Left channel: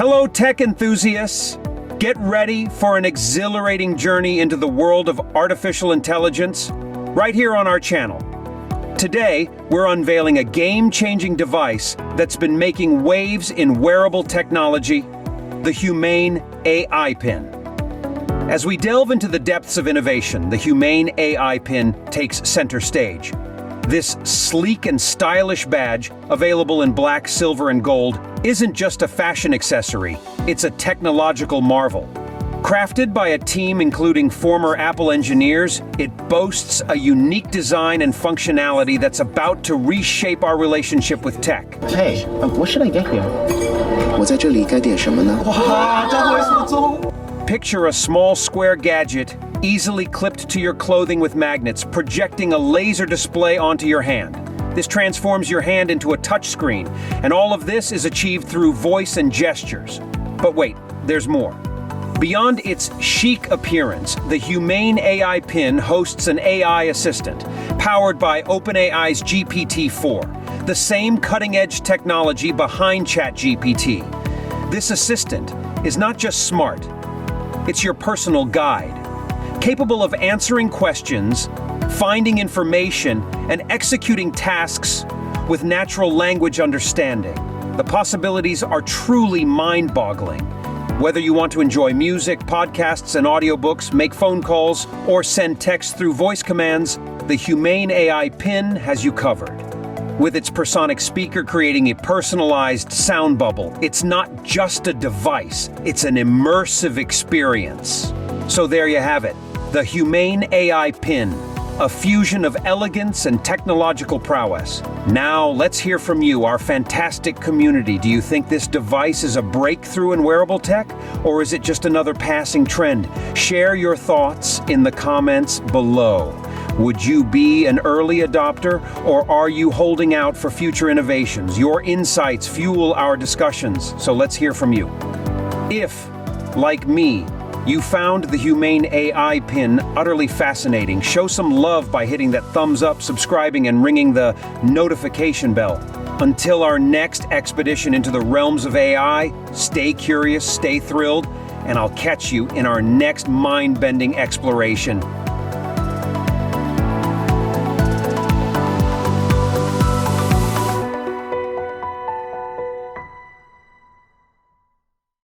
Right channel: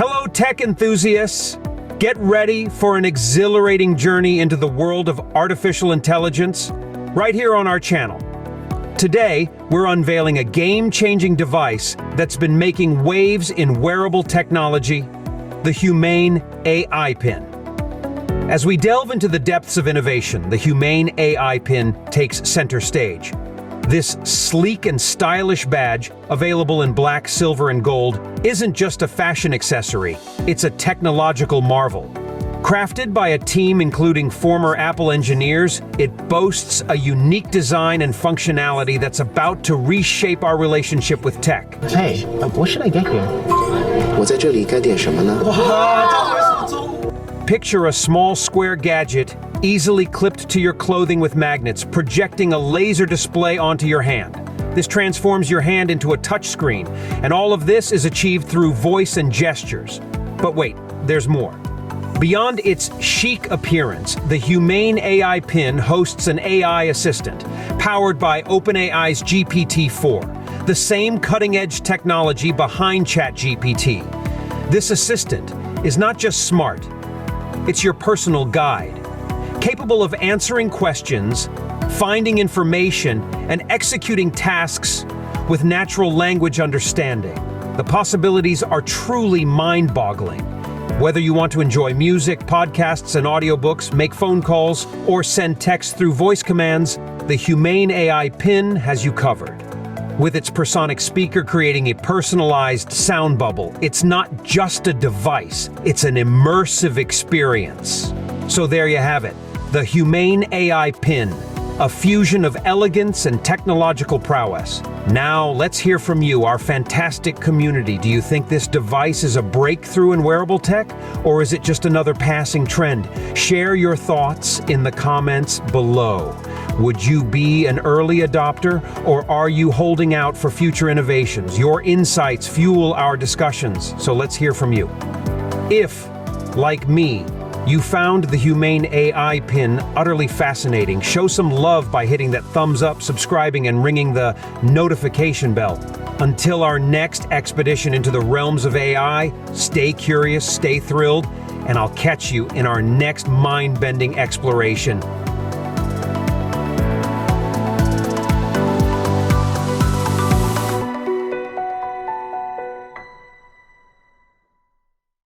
Hello, tech enthusiasts. Get ready for an exhilarating journey into the world of artificial intelligence right here on our channel. Today, we're unveiling a game-changing device that's been making waves in wearable technology, the Humane AI Pin. As we delve into the depths of innovation, the Humane AI Pin takes center stage. This sleek and stylish badge, available in black, silver, and gold, isn't just a fashion accessory, it's a technological marvel. Crafted by a team including former Apple engineers, it boasts a unique design and functionality that's about to reshape our relationship with tech. Hey, what should I get here? 我在这里该点什么呢？ Picture a small square gadget easily clipped to your clothing with magnets, projecting a laser display onto your hand. This transforms your hand into a touchscreen, and all of this is achieved through voice and gestures. But wait, there's more. Beyond its chic appearance, the Humane AI Pin hosts an AI assistant, powered by OpenAI's GPT-4, the same cutting-edge technology behind ChatGPT. This assistant is not just smart, it's your personal guide, capable of answering questions, finding information, and executing tasks with natural language understanding. The possibilities are truly mind-boggling. Whether you want to enjoy music, podcasts, and audiobooks, make phone calls, or send text through voice commands, the Humane AI Pin has you covered. With its personic speaker creating a personalized sound bubble, it's not just a device, it's an immersive experience. So there you have it, the Humane AI Pin, a fusion of elegance and technological prowess. Now, let's hear from you, our fantastic community. Do you think this device is a breakthrough in wearable tech, or is it just another passing trend? Share your thoughts in the comments below. Would you be an early adopter, or are you holding out for future innovations? Your insights fuel our discussions, so let's hear from you. If, like me, you found the Humane AI Pin utterly fascinating, show some love by hitting that thumbs up, subscribing, and ringing the notification bell. Until our next expedition into the realms of AI, stay curious, stay thrilled, and I'll catch you in our next mind-bending exploration.